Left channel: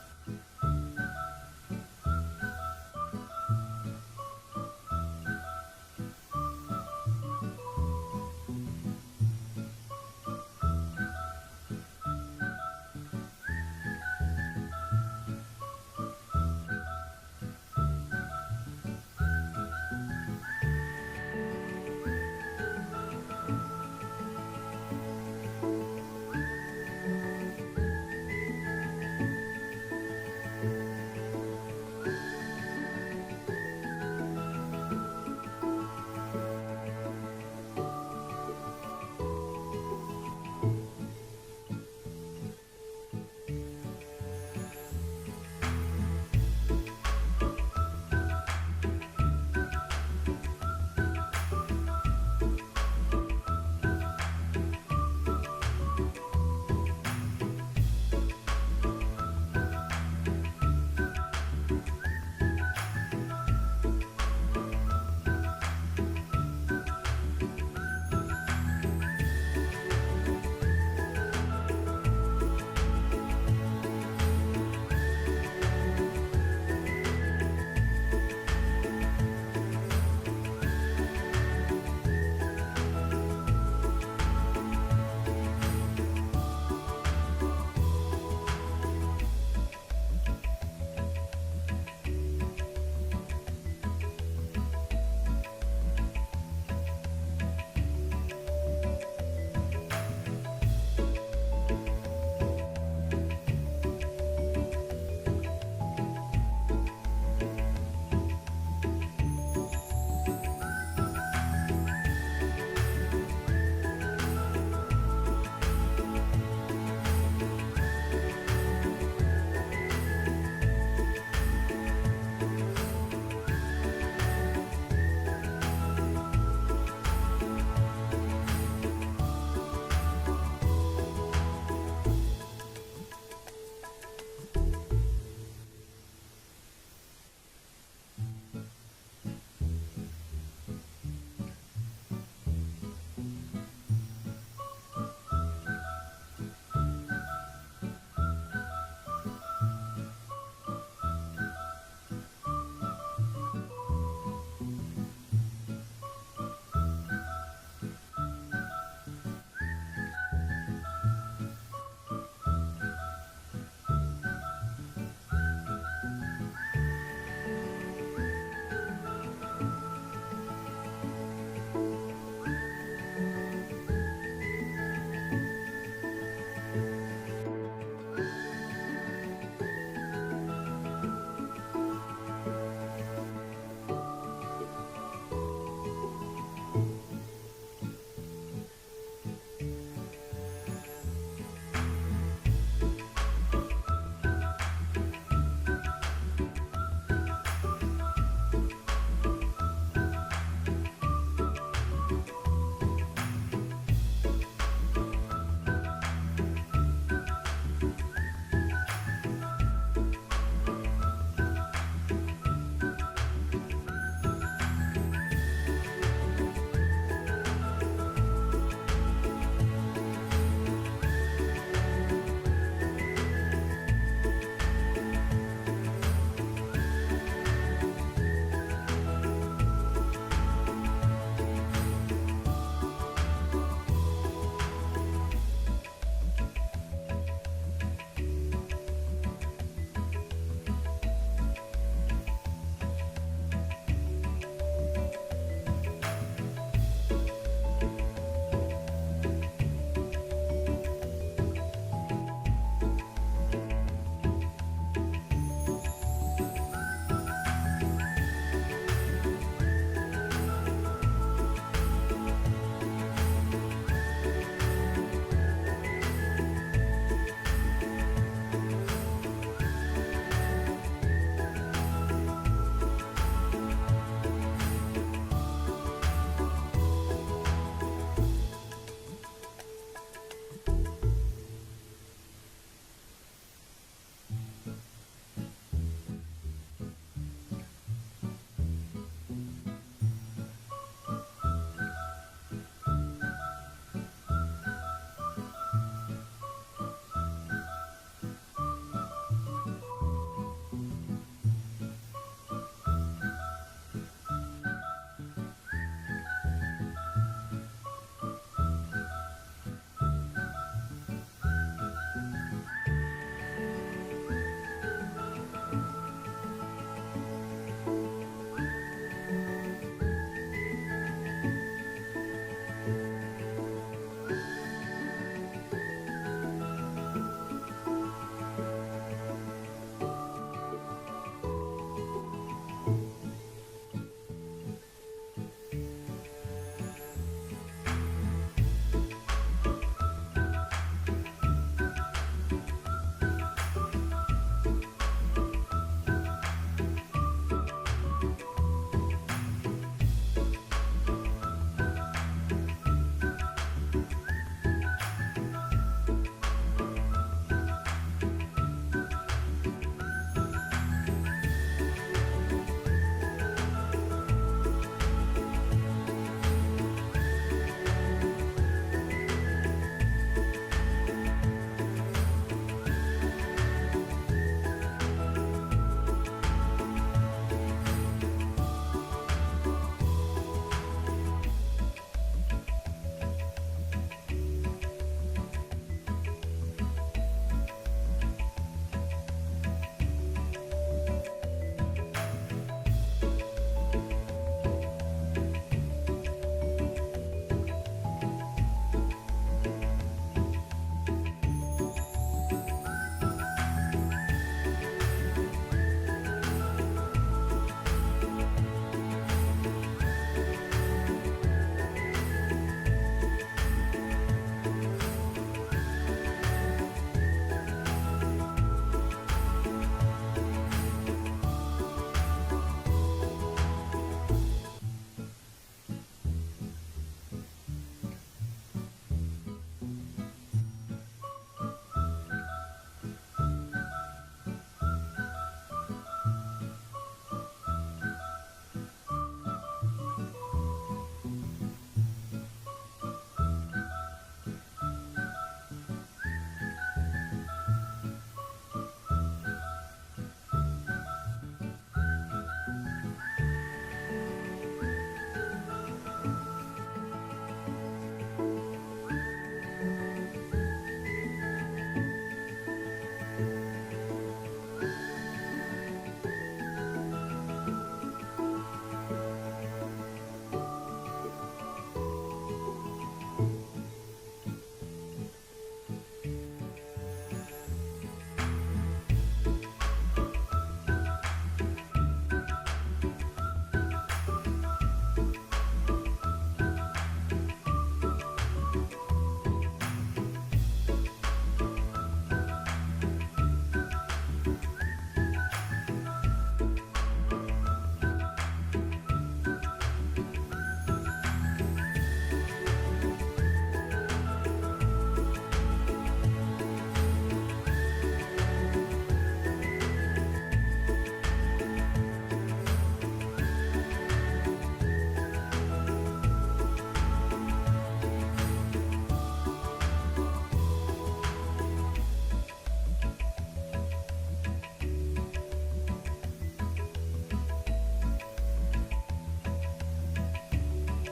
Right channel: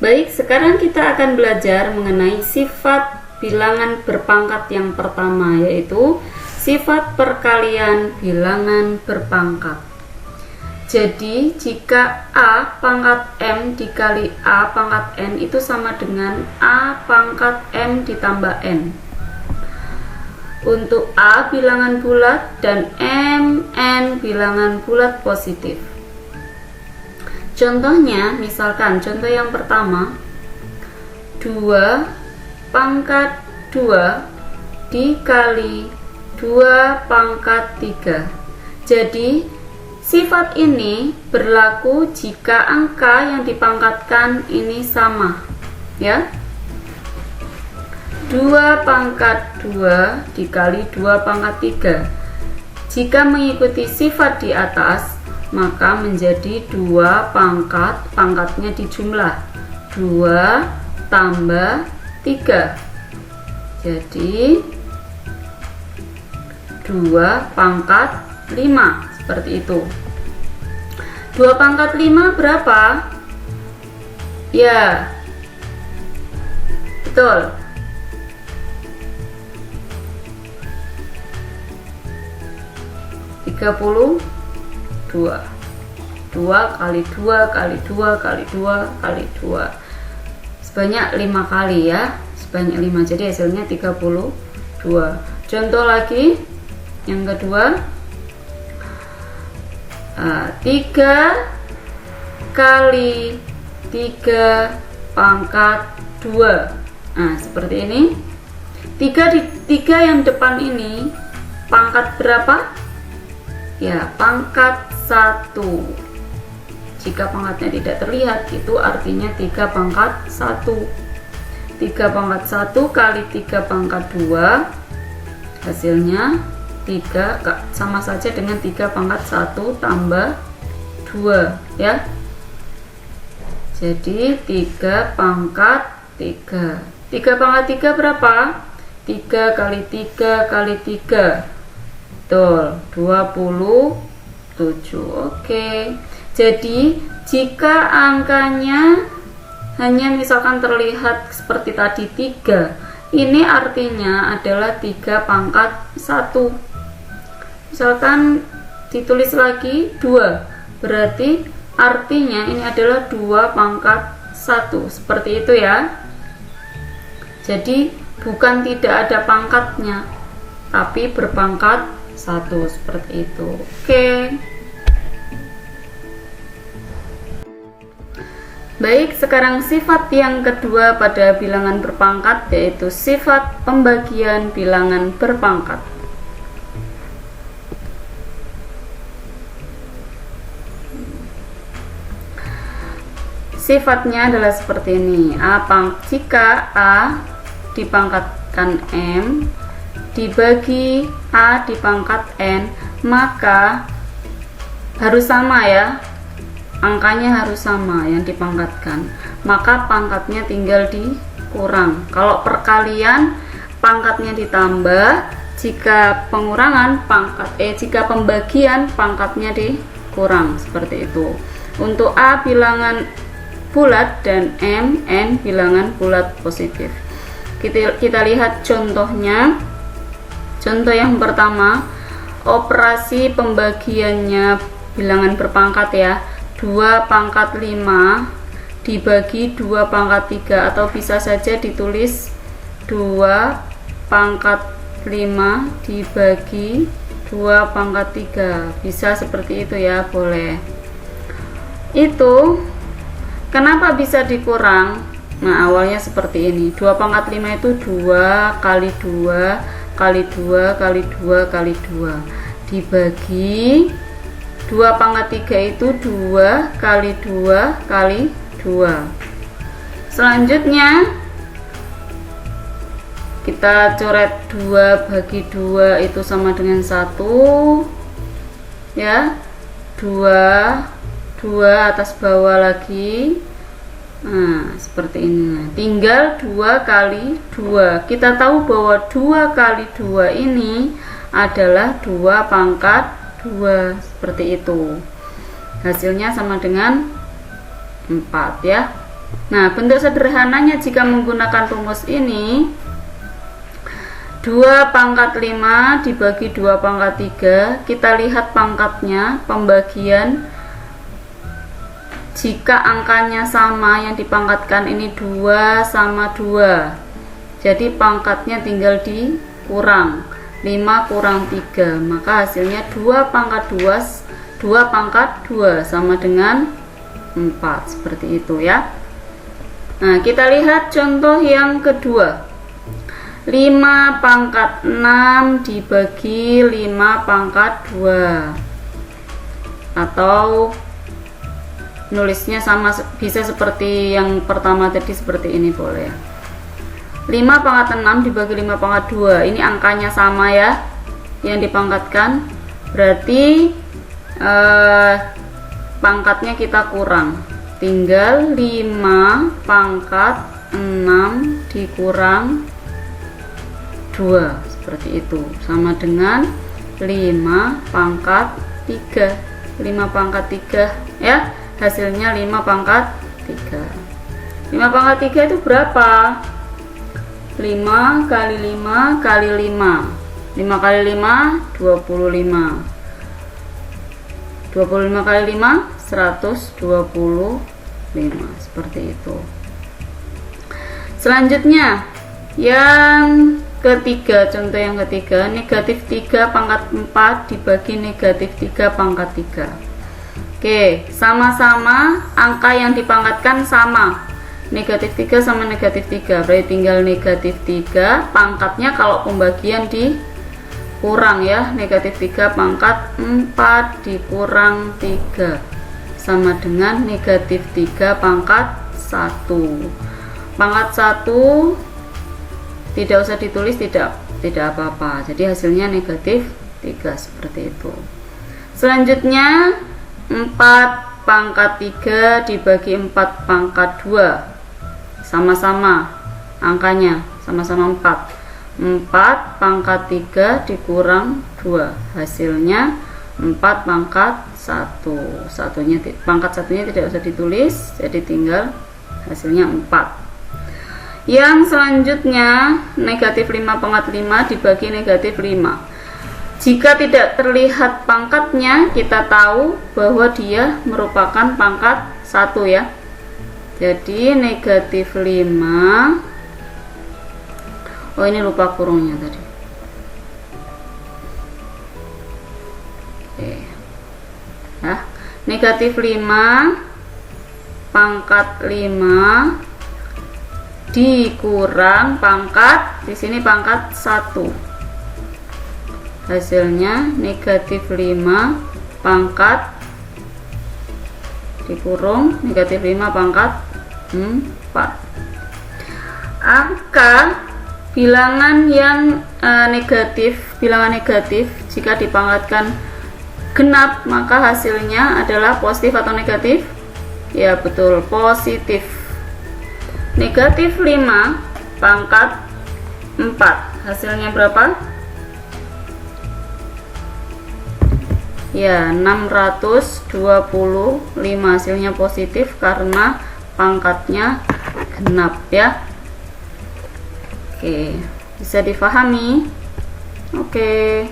Baik, sekarang kita akan belajar mengenai sifat bilangan berpangkat yang pertama, yaitu sifat perkalian bilangan berpangkat. Jadi, jika A pangkat M dikali A pangkat N itu sama dengan A pangkat M ditambah N. Untuk A bilangan bulat dan N bilangan bulat positif. Contohnya, misalkan contoh yang pertama, 2 pangkat 2 dikali 2 pangkat 3. Jadi, sifat ini berlaku jika angka yang dipangkatkan ini sama, ya. 2 pangkat 2 dikali 2 pangkat 3. Jika mengikuti sifat di atas, maka menjadi 2 pangkatnya dijumlah 2 tambah 3. Jadi 2 pangkat 5, seperti itu. 2 pangkat 5 berapa? Ya, betul, 32. 2 kali 2 kali 2 kali 2 kali 2, sebanyak 5 kali, ya, sebanyak 5, jadi hasilnya 32. Contoh lagi yang kedua, 3 kali 3 pangkat 2. Nah, seperti ini. 3 yang depan ini pangkat berapa? Ya, pangkat 1. Jika pangkatnya tidak terlihat, itu artinya 3 pangkat 1. 3 pangkat 1 kali 3 pangkat 2, hasilnya 3, sama saja dengan 3 pangkat 1 tambah 2, ya. Jadi 3 pangkat 3. 3 pangkat 3 berapa? 3 kali 3 kali 3. Betul, 27. Oke. Jadi, jika angkanya hanya misalkan terlihat seperti tadi 3, ini artinya adalah 3 pangkat 1. Misalkan ditulis lagi 2, berarti artinya ini adalah 2 pangkat 1. Seperti itu, ya. Jadi, bukan tidak ada pangkatnya, tapi berpangkat 1, seperti itu. Oke. Baik, sekarang sifat yang kedua pada bilangan berpangkat, yaitu sifat pembagian bilangan berpangkat. Sifatnya adalah seperti ini. Jika A dipangkatkan M dibagi A dipangkat N, maka harus sama, ya. Angkanya harus sama yang dipangkatkan, maka pangkatnya tinggal dikurang. Kalau perkalian, pangkatnya ditambah. Jika pengurangan, jika pembagian, pangkatnya dikurang, seperti itu. Untuk A bilangan bulat dan N bilangan bulat positif. Kita lihat contohnya. Contoh yang pertama, operasi pembagiannya bilangan berpangkat, ya. 2 pangkat 5 dibagi 2 pangkat 3, atau bisa saja ditulis 2 pangkat 5 dibagi 2 pangkat 3. Bisa seperti itu, ya, boleh. Itu kenapa bisa dikurang? Nah, awalnya seperti ini. 2 pangkat 5 itu 2 kali 2 kali 2 kali 2 kali 2 dibagi 2 pangkat 3 itu 2 kali 2 kali 2. Selanjutnya kita coret 2 bagi 2 itu sama dengan 1, ya. 2 atas bawah lagi. Nah, seperti ini. Tinggal 2 kali 2. Kita tahu bahwa 2 kali 2 ini adalah 2 pangkat 2, seperti itu. Hasilnya sama dengan 4, ya. Nah, bentuk sederhananya jika menggunakan rumus ini, 2 pangkat 5 dibagi 2 pangkat 3, kita lihat pangkatnya, pembagian. Jika angkanya sama, yang dipangkatkan ini 2 sama 2, jadi pangkatnya tinggal dikurang, 5 kurang 3, maka hasilnya 2 pangkat 2 sama dengan 4, seperti itu ya. Nah, kita lihat contoh yang kedua. 5 pangkat 6 dibagi 5 pangkat 2, atau nulisnya sama, bisa seperti yang pertama tadi, seperti ini boleh. 5 pangkat 6 dibagi 5 pangkat 2, ini angkanya sama ya, yang dipangkatkan, berarti pangkatnya kita kurang, tinggal 5 pangkat 6 dikurang 2, seperti itu, sama dengan 5 pangkat 3, 5 pangkat 3 ya, hasilnya 5 pangkat 3. 5 pangkat 3 itu berapa? 5 kali 5 kali 5, 5 kali 5 25, 25 kali 5 125, seperti itu. Selanjutnya yang ketiga, contoh yang ketiga, negatif 3 pangkat 4 dibagi negatif 3 pangkat 3. Oke, sama-sama angka yang dipangkatkan sama, negatif 3 sama negatif 3, berarti tinggal negatif 3, pangkatnya kalau pembagian dikurang ya, negatif 3 pangkat 4 dikurang 3, sama dengan negatif 3 pangkat 1. Pangkat 1 tidak usah ditulis, tidak apa-apa, jadi hasilnya negatif 3, seperti itu. Selanjutnya 4 pangkat 3 dibagi 4 pangkat 2, sama-sama angkanya, sama-sama 4. 4 pangkat 3 dikurang 2, hasilnya 4 pangkat 1. Pangkat satunya tidak usah ditulis, jadi tinggal hasilnya 4. Yang selanjutnya negatif 5 pangkat 5 dibagi negatif 5. Jika tidak terlihat pangkatnya, kita tahu bahwa dia merupakan pangkat 1 ya. Jadi negatif 5, oh ini lupa kurungnya tadi. Oke. Nah, negatif 5 pangkat 5 dikurang pangkat, di sini pangkat 1, hasilnya negatif 5 pangkat dikurung negatif 5 pangkat 4. Angka bilangan yang bilangan negatif jika dipangkatkan genap, maka hasilnya adalah positif atau negatif? Ya betul, positif. Negatif 5 pangkat 4, hasilnya berapa? Ya 625, hasilnya positif karena pangkatnya genap ya. Oke, bisa difahami? Oke.